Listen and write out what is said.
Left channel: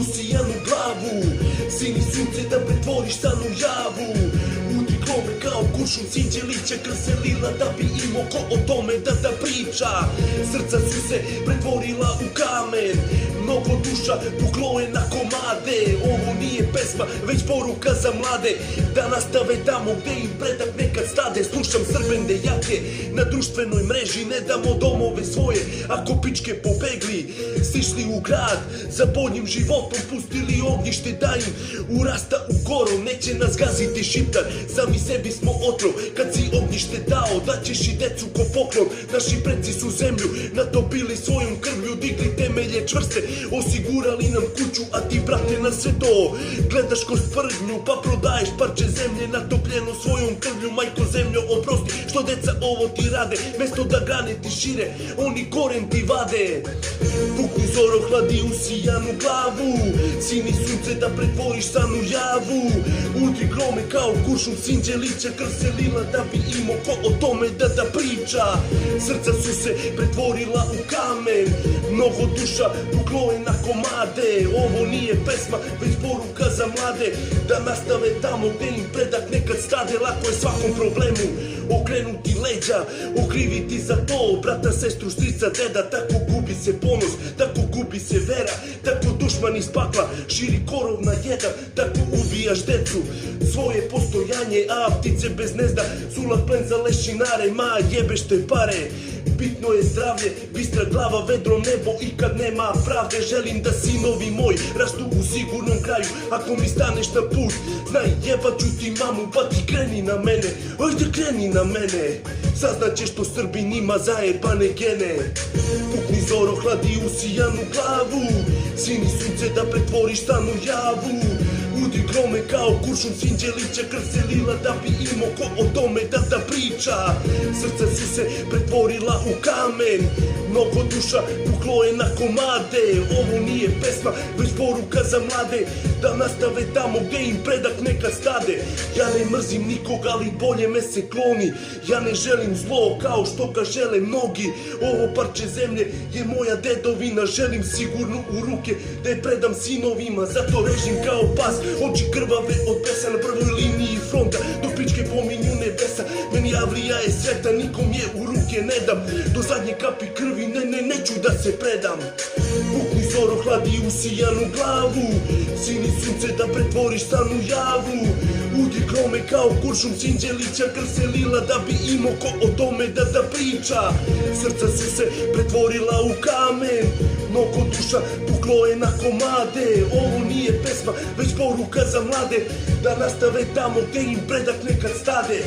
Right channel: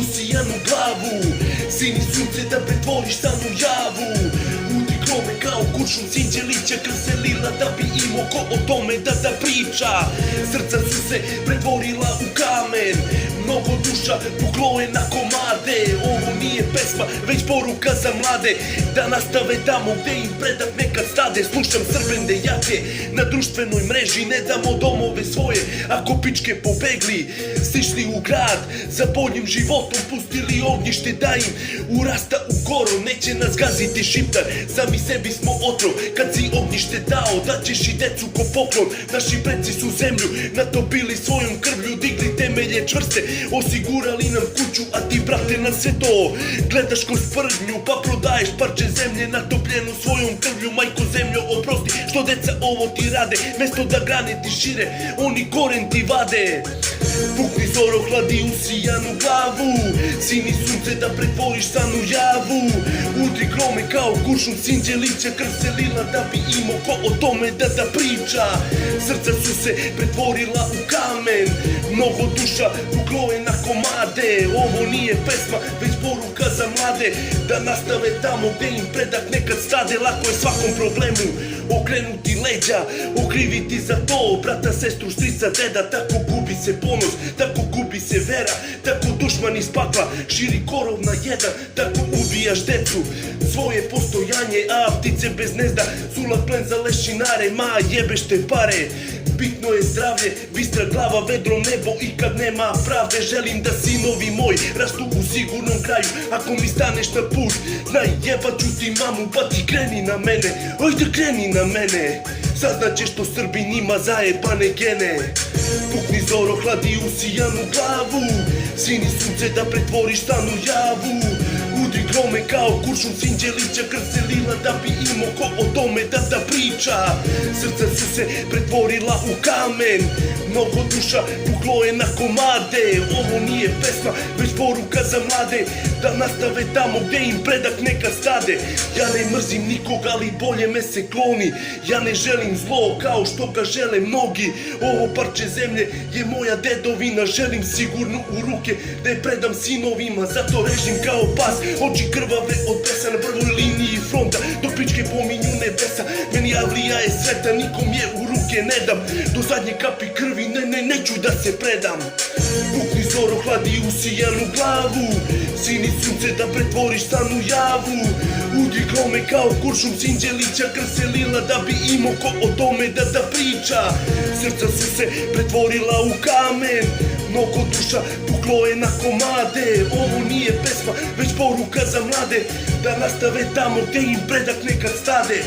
usijanu glavu. Sini sunce da pretvoriš san u javu. Udri grome kao kuršum, sinđe liće kroz selila da bi imao ko o tome da priča. Srca su se pretvorila u kamen, mnogo duša puklo je na komade. Ovo nije pesma, već poruka za mlade, da nastave tamo gde im predak nekad stade. Slušam srbende jake na društvenoj mreži, ne damo domove svoje ako pičke pobegli. Stišli u grad za boljim životom, pustili ognjište da im urasta u koru. Neće nas gaziti šiptar, sami sebi smo otrov. Kad si ognjište dao, daćeš i decu ko poklon. Naši preci su zemlju natopili svojom krvlju, digli temelje čvrste, osigurali nam kuću, a ti brate na sve to gledaš kroz prdnju, pa prodaješ parče zemlje natopljenu svojom krvlju. Majko zemljo, oprosti što deca ovo ti rade, mesto da grane ti šire, oni koren ti vade. Pukni zoro, hladi usijanu glavu, sini sunce da pretvoriš san u javu. Udri grome kao kuršum, sinđe lića krv se lila da bi imao ko o tome da priča. Srca su se pretvorila u kamen, mnogo duša puklo je na komade. Ovo nije pesma, već poruka za mlade, da nastave tamo gde im predak nekad stade. Lako je svakom problemu okrenuti leđa, okriviti za to brata, sestru, strica, deda. Tako gubi se ponos, tako gubi se vera, tako dušman iz pakla širi korov na jedan. Tako ubijaš decu, svoje postojanje, a ptice bez gnezda sulak plen za lešinare. Ma jebeš te pare, bitno je zdravlje, bistra glava, vedro nebo. I kad nema pravde, želim da sinovi moji rastu u sigurnom kraju. Ako mi staneš na put, znaj, jebat ću ti mamu, pa ti kreni na mene, ajde kreni na mene. Saznaćeš što Srbin ima zajebane gene. Pukni zoro, hladi usijanu glavu, sini sunce da pretvoriš san u javu. Udri grome kao kuršum, sinđe lića krv se lila da bi imao ko o tome da priča. Srca su se pretvorila u kamen, mnogo duša puklo je na komade. Ovo nije pesma, već poruka za mlade, da nastave tamo gde im predak nekad stade. Ja ne mrzim nikoga, ali bolje me se kloni. Ja ne želim zlo kao što ga žele mnogi. Ovo parče zemlje je moja dedovina, želim sigurno u ruke da je predam sinovima. Zato režim kao pas, oči krvave od besa, na prvoj liniji fronta, do pičke pominju nebesa. Meni avlija je sveta, nikom je u ruke ne dam, do zadnje kapi krvi neću da se predam. Pukni zoro, hladi usijanu glavu, sini sunce da pretvoriš san u javu. Udri grome kao kuršum, sinđe lića krv se lila da bi imao ko o tome da priča. Srca su se pretvorila u kamen, mnogo duša puklo je na komade. Ovo nije pesma, već poruka za mlade, da nastave tamo gde im predak nekad stade.